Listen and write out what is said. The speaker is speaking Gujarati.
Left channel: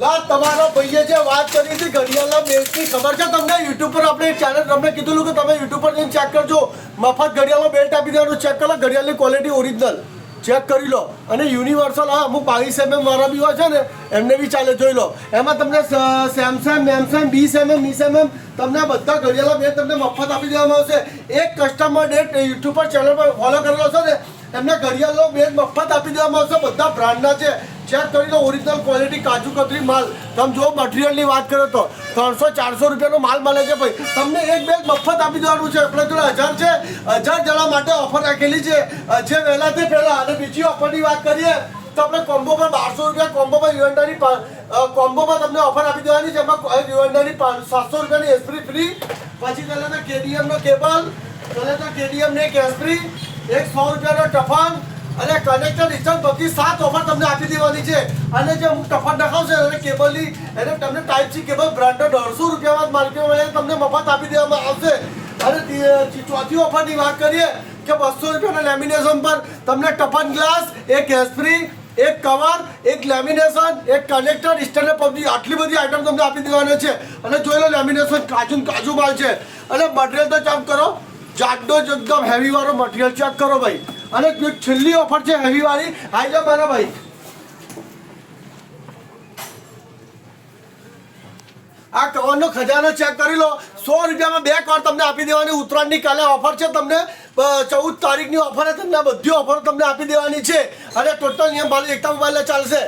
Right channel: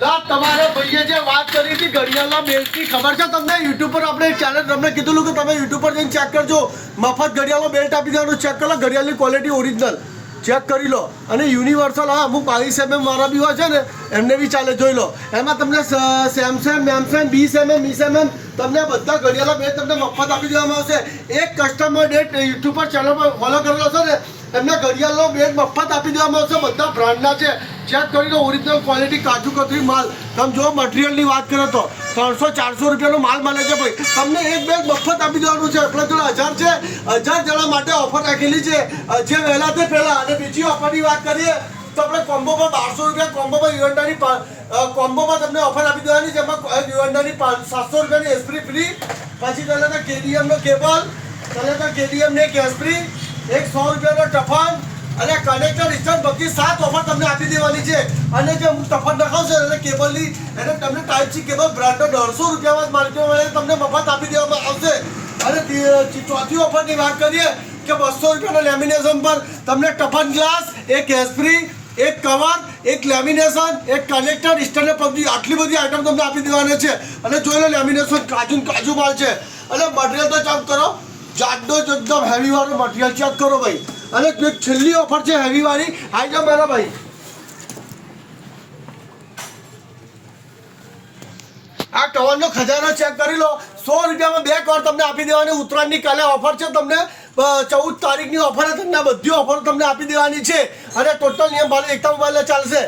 લા તમારા ભાઈએ જે વાત કરી હતી ઘડિયાળના બેલ્ટની ખબર છે તમને? યુટ્યુબ પર આપણે ચેનલ તમને કીધું કે તમે યુટ્યુબ પર જઈને ચેક કરજો. મફત ઘડિયાળનો બેલ્ટ આપી દેવાનું. ચેક કરો ઘડિયાળની ક્વોલિટી ઓરિજિનલ ચેક કરી લો. અને યુનિવર્સલ હા અમુક 22 mm વાળા બી હોય છે ને એમને બી ચાલે, જોઈ લો. એમાં તમને સેમસંગ 20 mm તમને બધા ઘડિયાળના બેલ્ટ તમને મફત આપી દેવામાં આવશે. એક કસ્ટમર ડેટ યુટ્યુબ પર ચેનલ પર ફોલો કરેલો છે ને એમને ઘડિયાળનો બેલ્ટ મફત આપી દેવામાં આવશે. બધા બ્રાન્ડના છે. ચેક કરી લો ઓરિજિનલ ક્વોલિટી કાજુ કતરી માલ. તમે જો મટીરિયલની વાત કરો તો 300-400 રૂપિયાનો માલ મળે છે ભાઈ. તમને એક બેગ મફત આપી દેવાનું છે. એટલે જોડે 1000 છે. 1000 જણા માટે ઓફર રાખેલી છે જે વહેલા તે પહેલાં. અને બીજી ઓફરની વાત કરીએ તો આપણે કોમ્બો પર 1200 રૂપિયા કોમ્બોમાં યુએનડાની કોમ્બોમાં તમને ઓફર આપી દેવાની છે. એમાં યુએનડાની 700 રૂપિયાની એસપ્રી ફ્રી. પછી પહેલાં તો કેડીએમનો કેબલ, પહેલાં તો કેડીએમને એક એસપ્રી, એક 100 રૂપિયાનો ટફન અને કનેક્ટર ઇન્સ્ટન્ટ બધી 7 ઓફર તમને આપી દેવાની છે. અને જે અમુક ટફન નખાવશે અને કેબલની એને તમને ટાઈપ સી કેબલ બ્રાન્ડનો 150 રૂપિયામાં માર્કેટમાં મળે તમને મફત આપી દેવામાં આવશે. અને ચોથી ઓફરની વાત કરીએ કે 200 રૂપિયાના લેમિનેશન પર તમને ટફન ગ્લાસ, એક એસ્પ્રી, એક કવર, એક લેમિનેશન, એક કનેક્ટર ઇન્સ્ટન્ટ પબની આટલી બધી આઈટમ તમને આપી દેવાની છે. અને જોઈ લો લેમિનેશન કાજુ માલ છે. અને મટીરિયલ તો ચેક કરો, જાડો જ એકદમ હેવી વાળો મટીરિયલ ચેક કરો ભાઈ. અને છેલ્લી ઓફર છે હેવી વાળી, આઈ જાઓ મારા ભાઈ. આ કવરનો ખજાનો ચેક કરી લો. 100 રૂપિયામાં 2 કવર તમને આપી દેવાની. ઉત્તરાયણની કાલે ઓફર છે. તમને 14 તારીખની ઓફર તમને બધી ઓફર તમને આપી દેવાની છે. અને ટોટલ નિયમ ભાડું એકતા મોબાઈલ ચાલશે.